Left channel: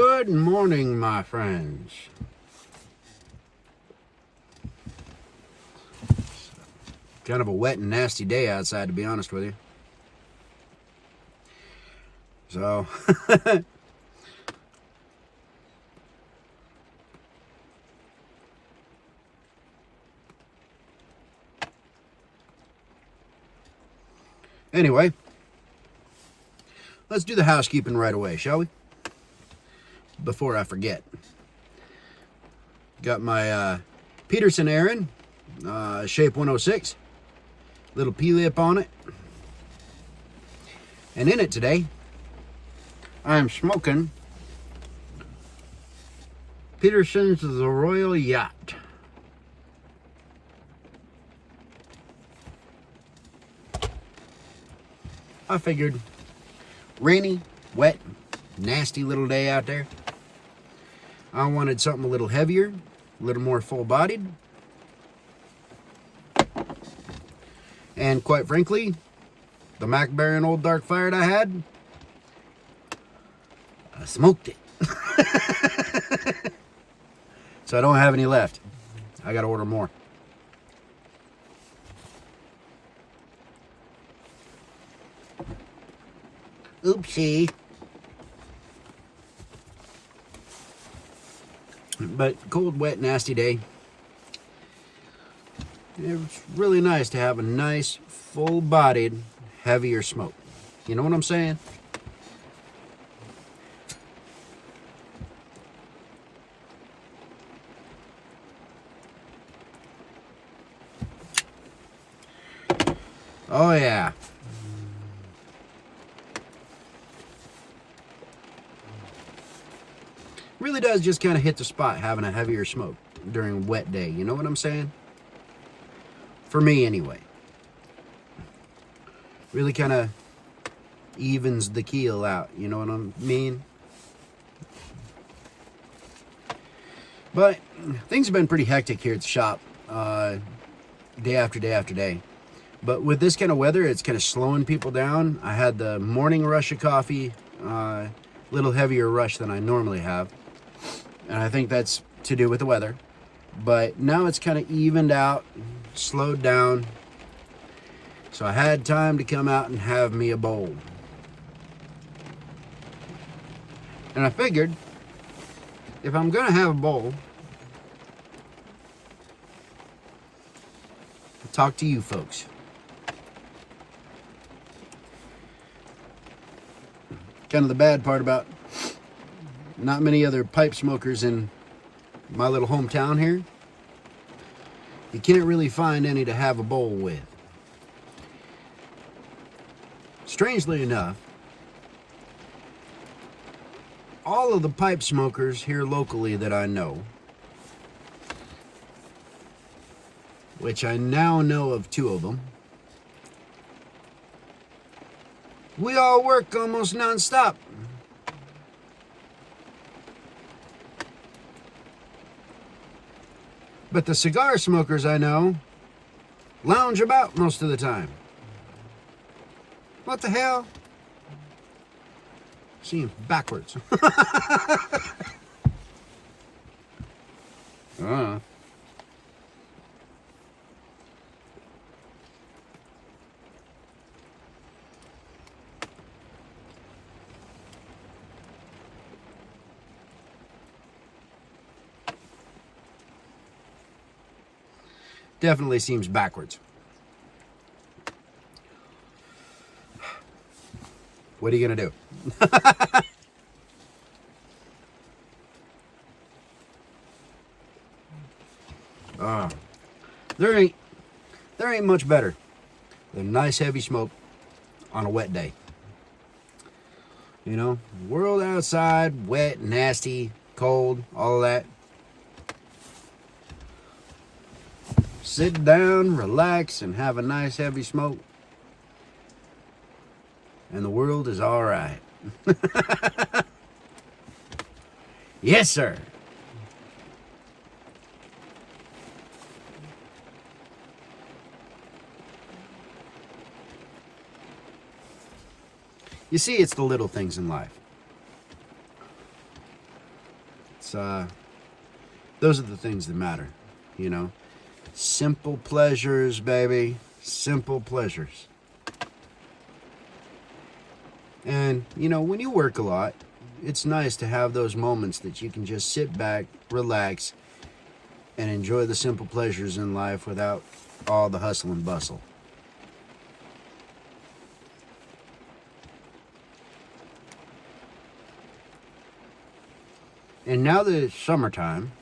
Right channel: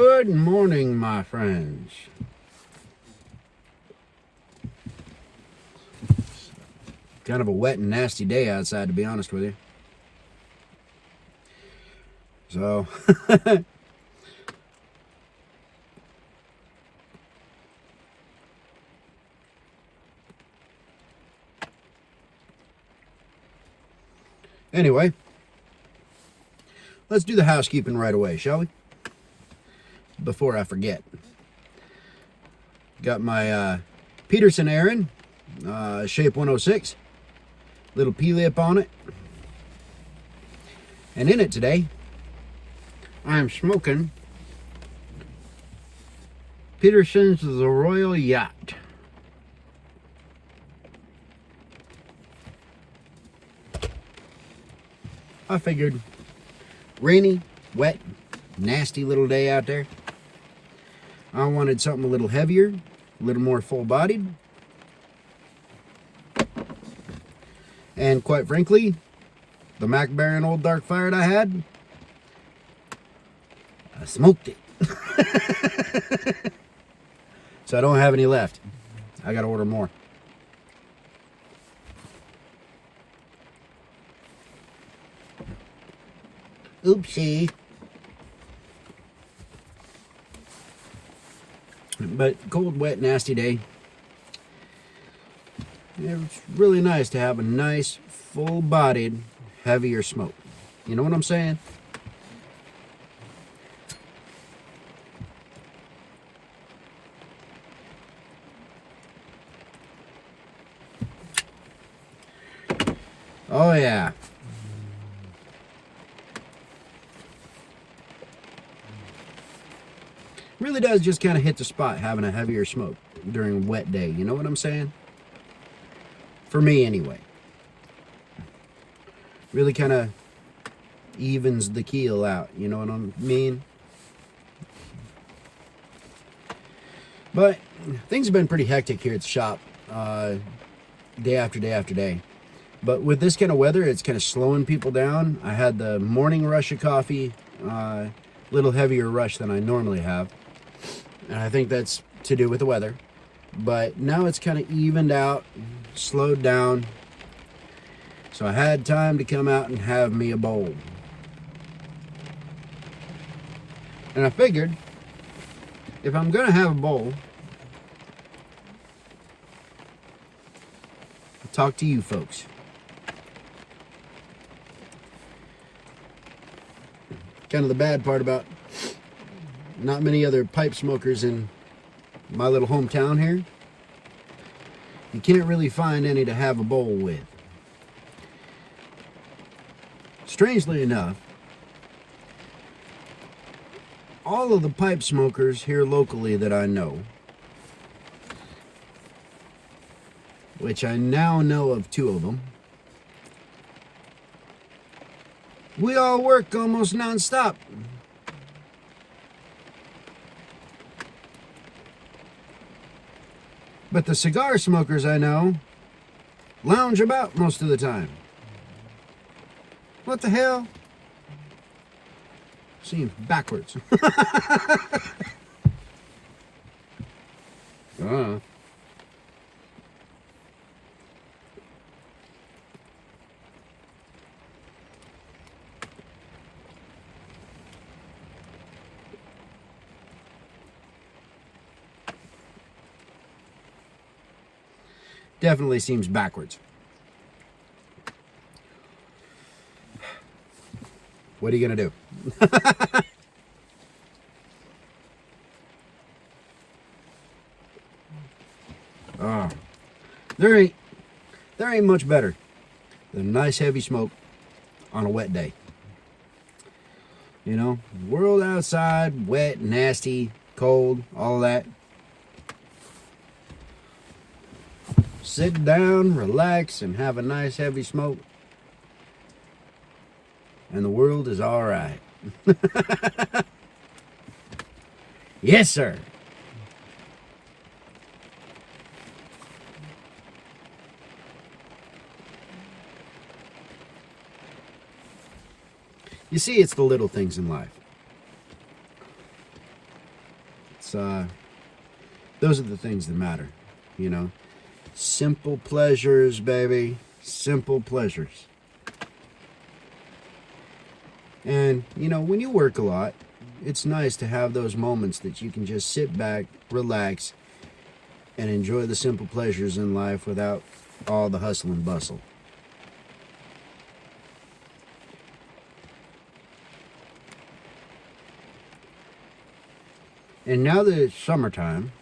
Good morning, my friends. Kind of a wet and nasty day outside, to be honest with you. So, anyway, let's do the housekeeping right away, shall we? Before I forget. Got my Peterson Aaron, shape 106. Little P-lip on it. And in it today, I'm smoking Peterson's the Royal Yacht. I figured rainy, wet, nasty little day out there. I wanted something a little heavier, a little more full-bodied. And quite frankly, the Mac Baron Old Dark Fire I had, I smoked it. So I don't have any left. I gotta order more. Oopsie. But cold, wet, nasty day. It's really nice to have a nice, full-bodied, heavier smoke. You know what I'm saying? Oh yeah. Really does just kind of hit the spot having a heavier smoke during a wet day. You know what I'm saying? For me, anyway. Really kind of evens the keel out. You know what I mean? But things have been pretty hectic here at the shop. Day after day after day. But with this kind of weather, it's kind of slowing people down. I had the morning rush of coffee. Little heavier rush than I normally have. And I think that's to do with the weather. But now it's kind of evened out, slowed down. So I had time to come out and have me a bowl. And I figured, if I'm going to have a bowl, I'll talk to you folks. Kind of the bad part about not many other pipe smokers in my little hometown here. You can't really find any to have a bowl with. Strangely enough, all of the pipe smokers here locally that I know, which I now know of 2 of them, we all work almost non-stop. But the cigar smokers I know lounge about most of the time. What the hell? Seems backwards. Definitely seems backwards. What are you gonna do? There ain't much better than nice heavy smoke on a wet day. You know, world outside, wet, nasty, cold, all that. Sit down, relax, and have a nice heavy smoke. And the world is all right. Yes, sir. You see, it's the little things in life. It's those are the things that matter, you know. Simple pleasures, baby. Simple pleasures. And, you know, when you work a lot, it's nice to have those moments that you can just sit back, relax, and enjoy the simple pleasures in life without all the hustle and bustle. And now that it's summertime,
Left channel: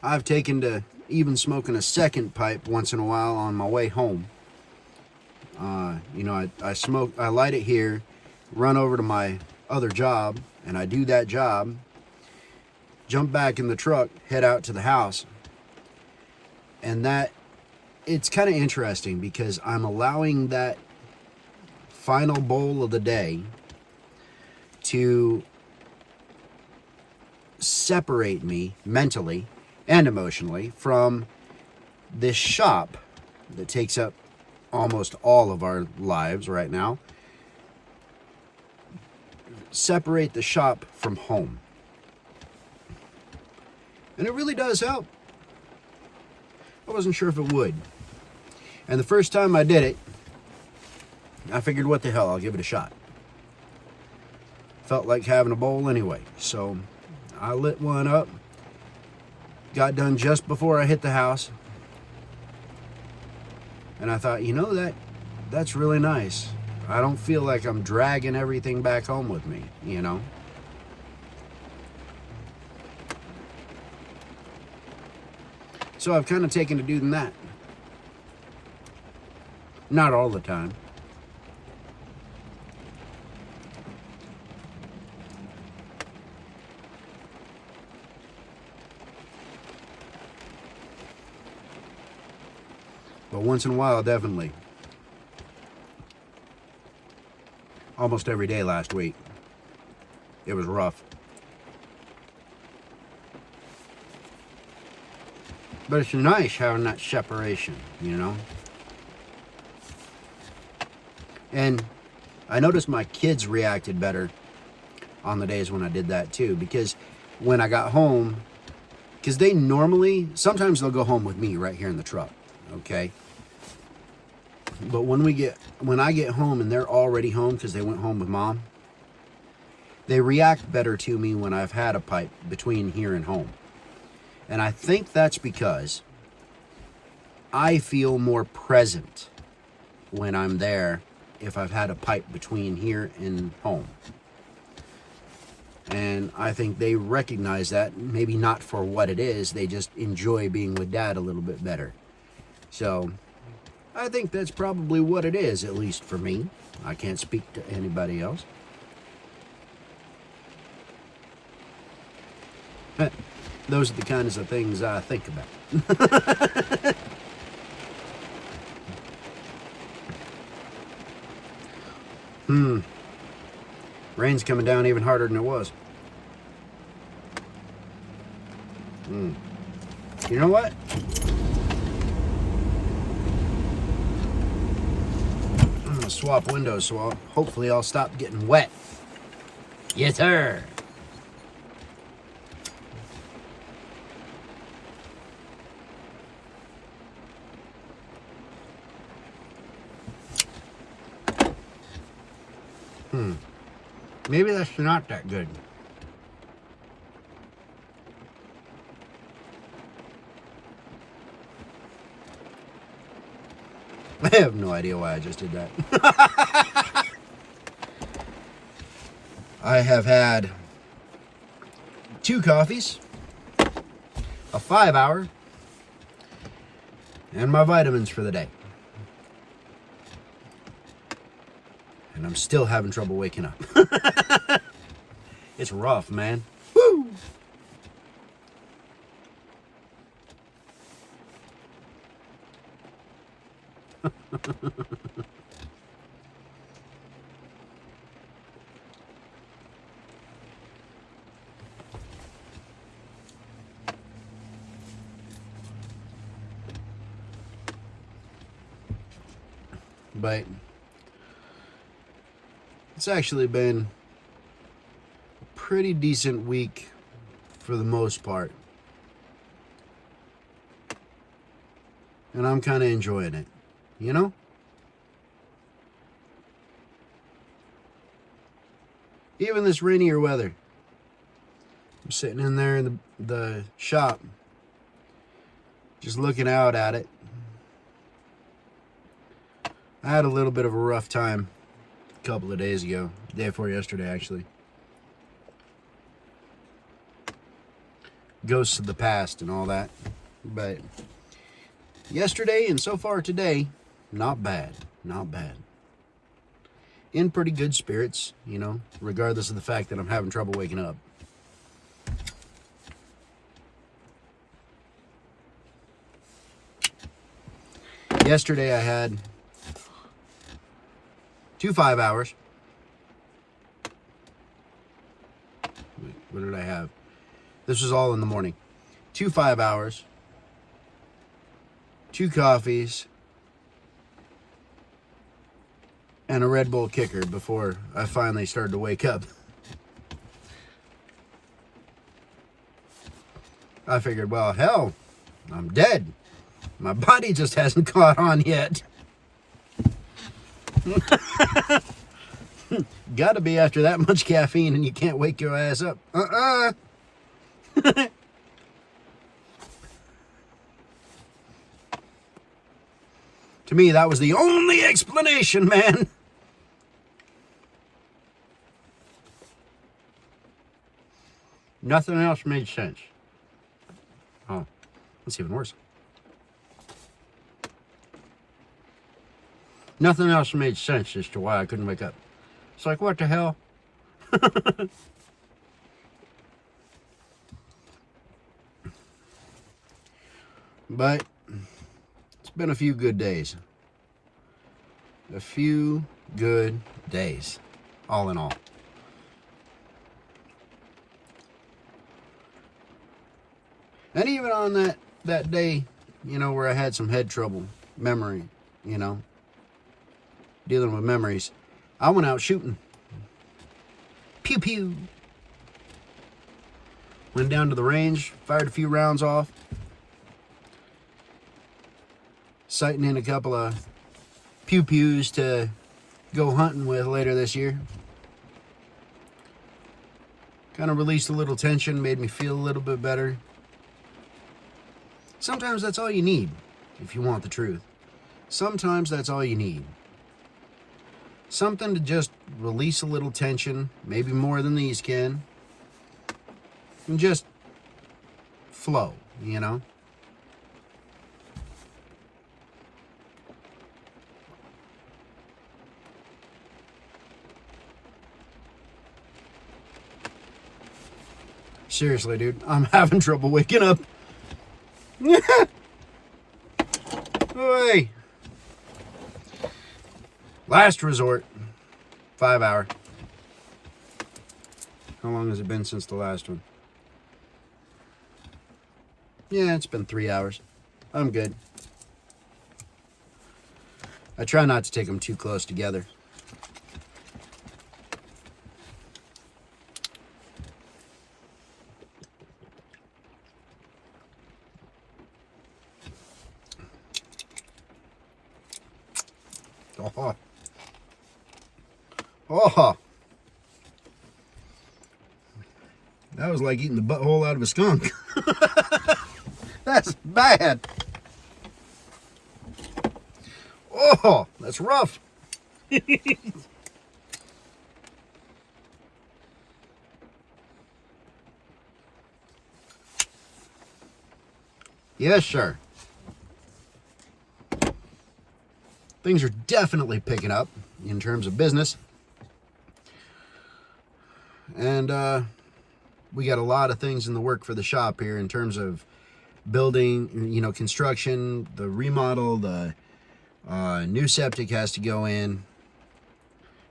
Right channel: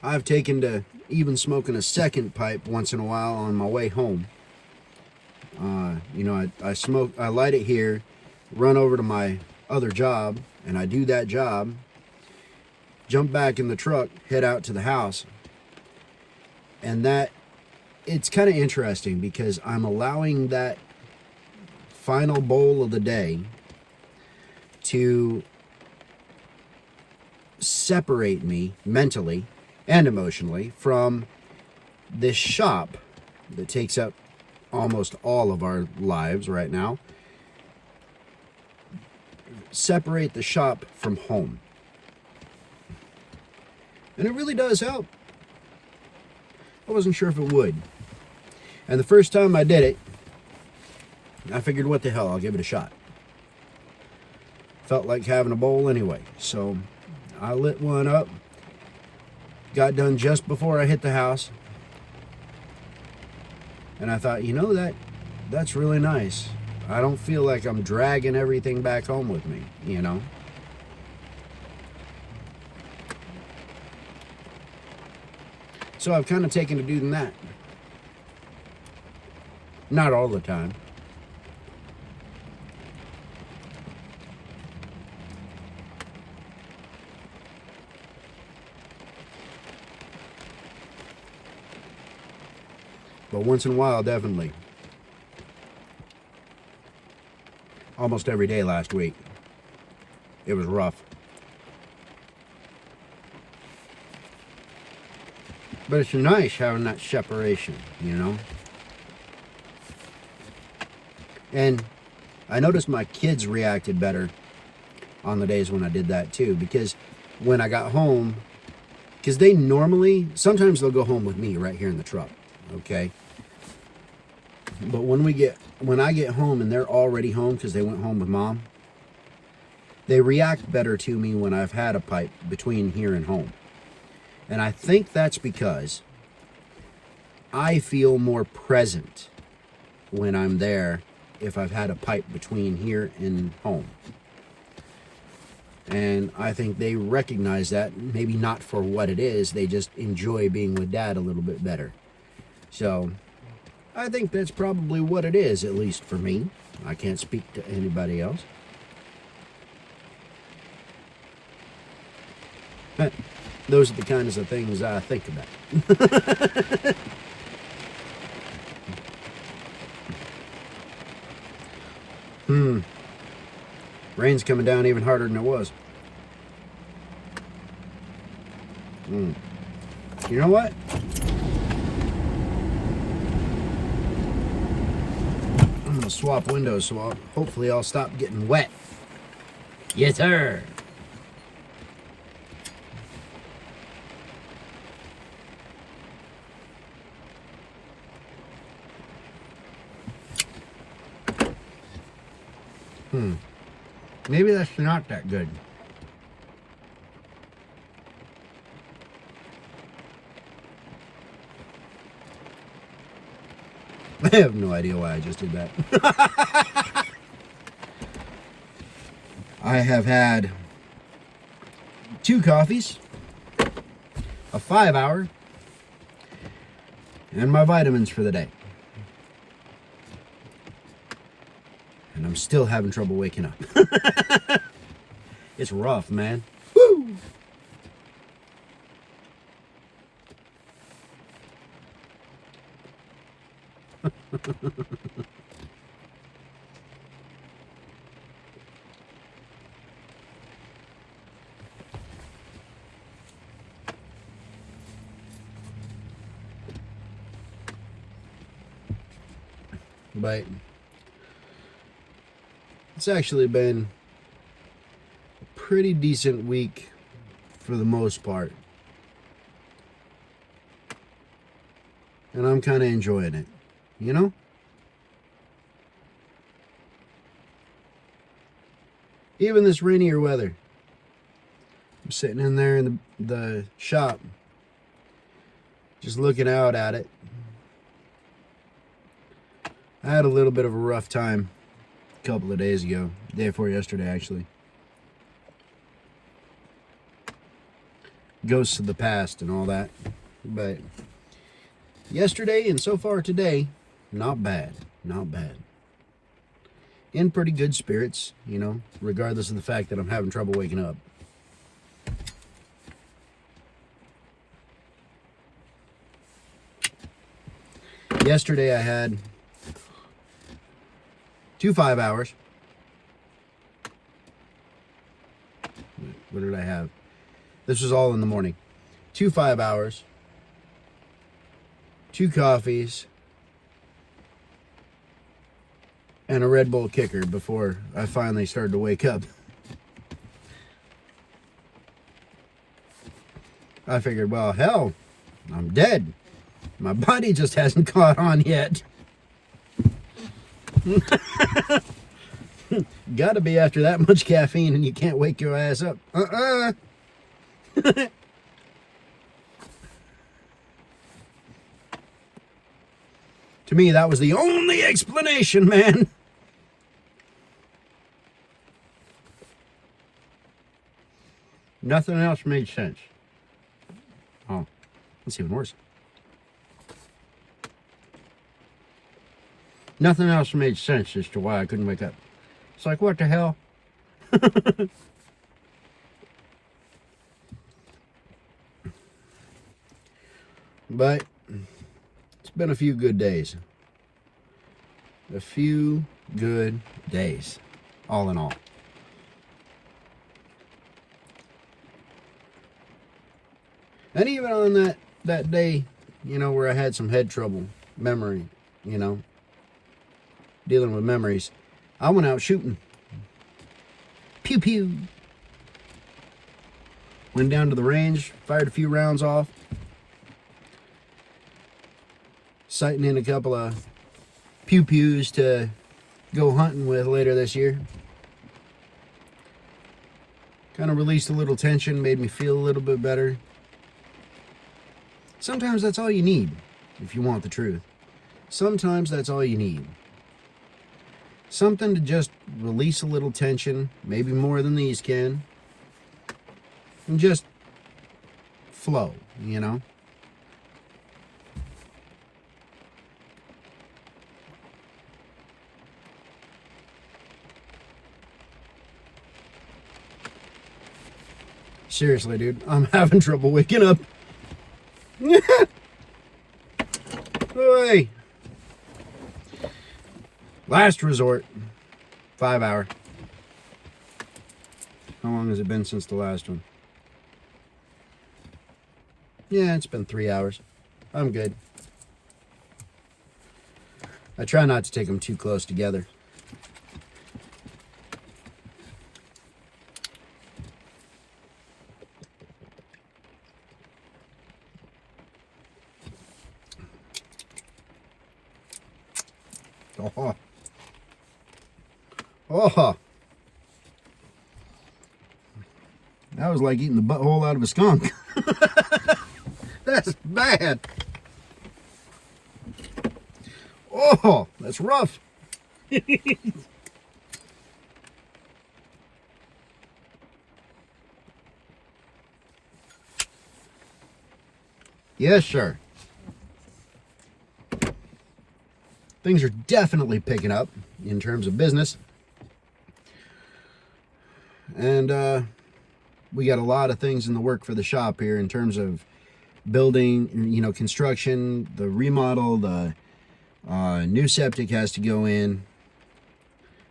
I've taken to even smoking a second pipe once in a while on my way home. You know, I light it here, run over to my other job, and I do that job, jump back in the truck, head out to the house. And it's kind of interesting because I'm allowing that final bowl of the day to separate me mentally and emotionally from this shop that takes up almost all of our lives right now. Separate the shop from home. And it really does help. I wasn't sure if it would. And the first time I did it, I figured, what the hell, I'll give it a shot. Felt like having a bowl anyway. So I lit one up. Got done just before I hit the house. And I thought, you know, that's really nice. I don't feel like I'm dragging everything back home with me, you know. So I've kind of taken to doing that. Not all the time. But once in a while, definitely. Almost every day last week. It was rough. But it's nice having that separation, you know? And I noticed my kids reacted better on the days when I did that too. Because when I got home, because they normally, sometimes they'll go home with me right here in the truck, okay? But when I get home and they're already home because they went home with mom, they react better to me when I've had a pipe between here and home. And I think that's because I feel more present when I'm there if I've had a pipe between here and home. And I think they recognize that, maybe not for what it is, they just enjoy being with Dad a little bit better. So I think that's probably what it is, at least for me. I can't speak to anybody else. But those are the kinds of things I think about. Rain's coming down even harder than it was. You know what? I'm gonna swap windows so hopefully I'll stop getting wet. Yes, sir. Maybe that's not that good. I have no idea why I just did that. I have had 2 coffees, a 5-hour, and my vitamins for the day. And I'm still having trouble waking up. It's rough, man. Woo! But it's actually been pretty decent week for the most part. And I'm kind of enjoying it, you know? Even this rainier weather. I'm sitting in there in the shop, just looking out at it. I had a little bit of a rough time a couple of days ago, day before yesterday actually. Ghosts of the past and all that. But yesterday and so far today, not bad, not bad. In pretty good spirits, you know, regardless of the fact that I'm having trouble waking up. Yesterday I had 2 5 hours. What did I have? This was all in the morning. 2 5 hours. 2 coffees. And a Red Bull kicker before I finally started to wake up. I figured, well, hell, I'm dead. My body just hasn't caught on yet. Gotta be after that much caffeine and you can't wake your ass up. To me, that was the only explanation, man. Nothing else made sense. Oh, that's even worse. Nothing else made sense as to why I couldn't wake up. It's like, what the hell? But it's been a few good days. A few good days, all in all. And even on that day, you know, where I had some head trouble, memory, you know, dealing with memories, I went out shooting. Pew pew. Went down to the range, fired a few rounds off. Sighting in a couple of pew pews to go hunting with later this year. Kind of released a little tension, made me feel a little bit better. Sometimes that's all you need, if you want the truth. Sometimes that's all you need. Something to just release a little tension, maybe more than these can, and just flow, you know? Seriously, dude, I'm having trouble waking up. Hey. Last resort, 5 hour. How long has it been since the last one? Yeah, it's been 3 hours. I'm good. I try not to take them too close together. Oh. Oh. That was like eating the butthole out of a skunk. That's bad. Oh, that's rough. Yes, sir. Things are definitely picking up in terms of business. And we got a lot of things in the work for the shop here in terms of building, you know, construction, the remodel, the new septic has to go in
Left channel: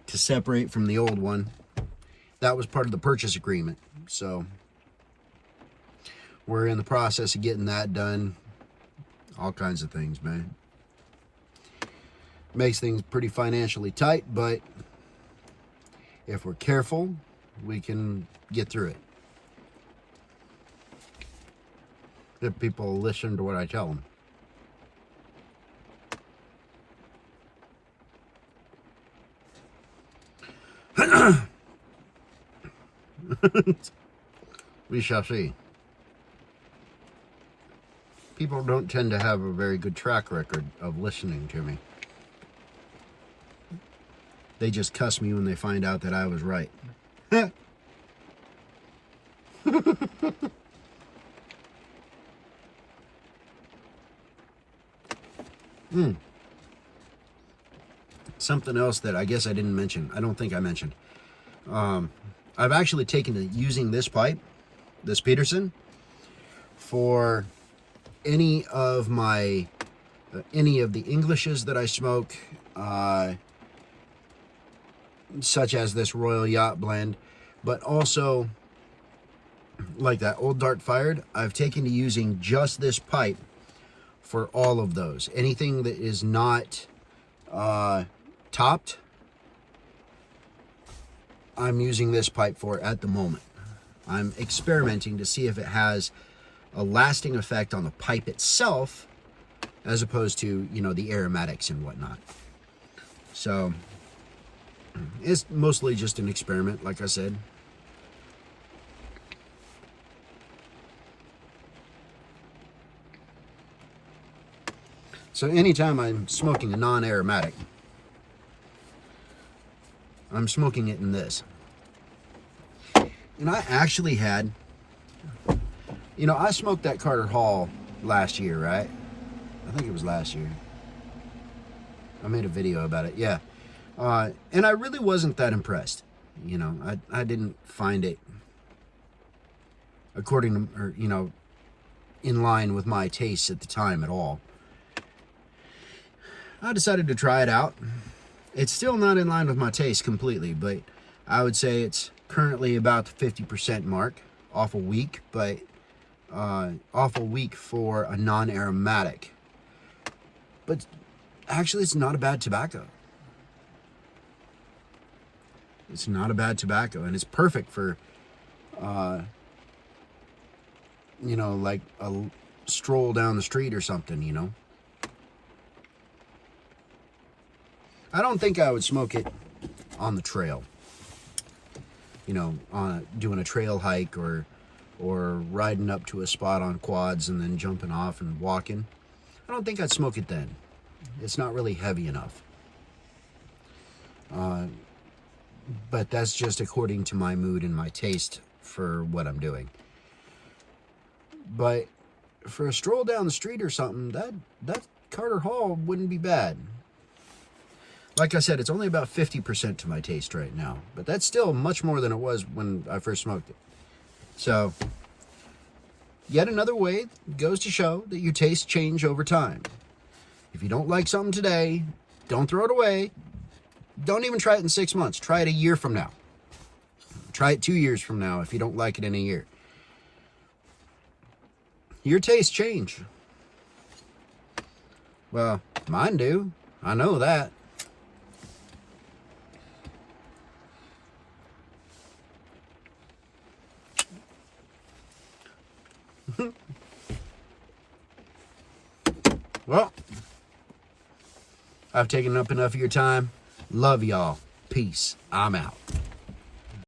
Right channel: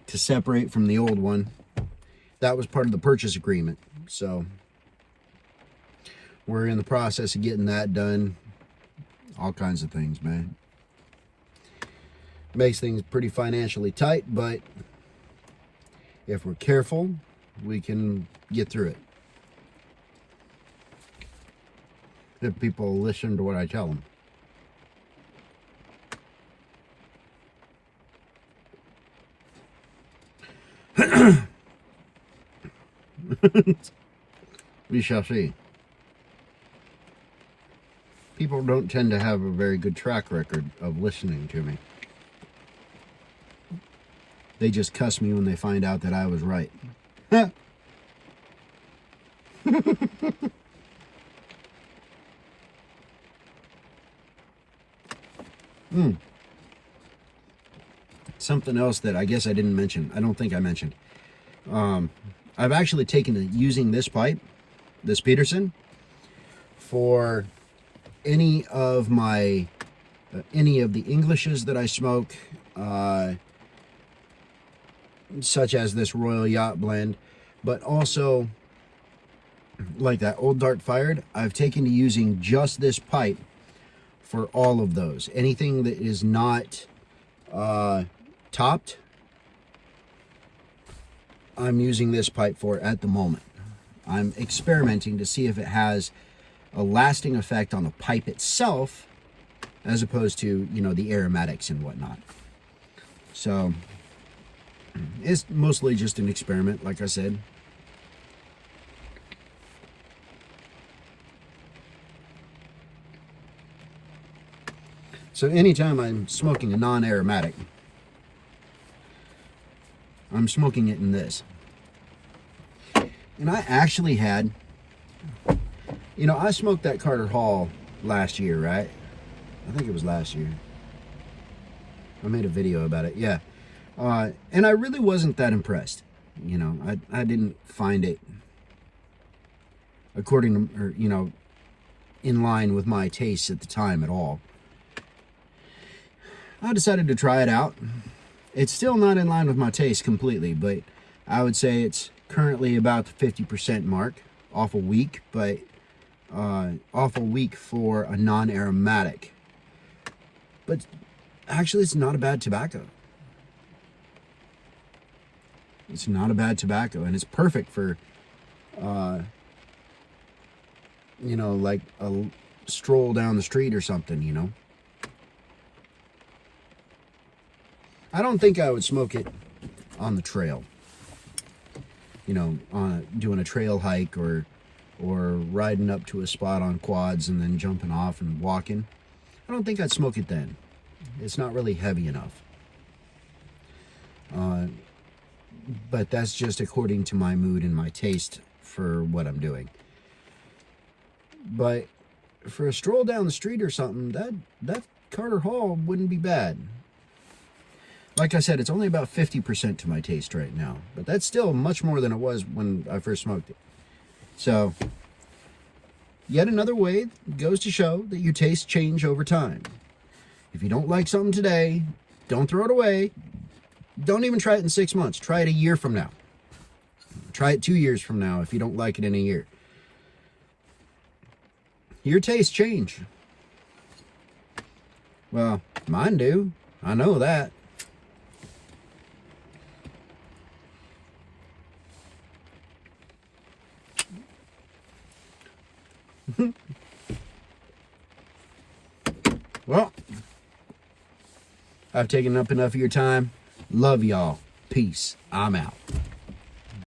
to separate from the old one. That was part of the purchase agreement. So we're in the process of getting that done. All kinds of things, man. Makes things pretty financially tight, but if we're careful, we can get through it. If people listen to what I tell them. We shall see. People don't tend to have a very good track record of listening to me. They just cuss me when they find out that I was right. Something else that I guess I didn't mention. I don't think I mentioned. I've actually taken to using this pipe, this Peterson, for any of the Englishes that I smoke, such as this Royal Yacht blend, but also like that Old Dark Fired. I've taken to using just this pipe for all of those. Anything that is not topped, I'm using this pipe for at the moment. I'm experimenting to see if it has a lasting effect on the pipe itself, as opposed to, you know, the aromatics and whatnot. So it's mostly just an experiment, like I said. So anytime I'm smoking a non-aromatic, I'm smoking it in this. And I actually had, you know, I smoked that Carter Hall last year, right? I think it was last year. I made a video about it, yeah. And I really wasn't that impressed. You know, I didn't find it according to, or, you know, in line with my tastes at the time at all. I decided to try it out. It's still not in line with my taste completely, but I would say it's currently about the 50% mark off a week, but off a week for a non-aromatic. But actually, it's not a bad tobacco. It's not a bad tobacco, and it's perfect for, you know, like a stroll down the street or something, you know. I don't think I would smoke it on the trail. You know, doing a trail hike or riding up to a spot on quads and then jumping off and walking. I don't think I'd smoke it then. It's not really heavy enough. But that's just according to my mood and my taste for what I'm doing. But for a stroll down the street or something, that Carter Hall wouldn't be bad. Like I said, it's only about 50% to my taste right now, but that's still much more than it was when I first smoked it. So, yet another way goes to show that your tastes change over time. If you don't like something today, don't throw it away. Don't even try it in 6 months. Try it a year from now. Try it 2 years from now if you don't like it in a year. Your tastes change. Well, mine do. I know that. Well, I've taken up enough of your time. Love y'all. Peace. I'm out.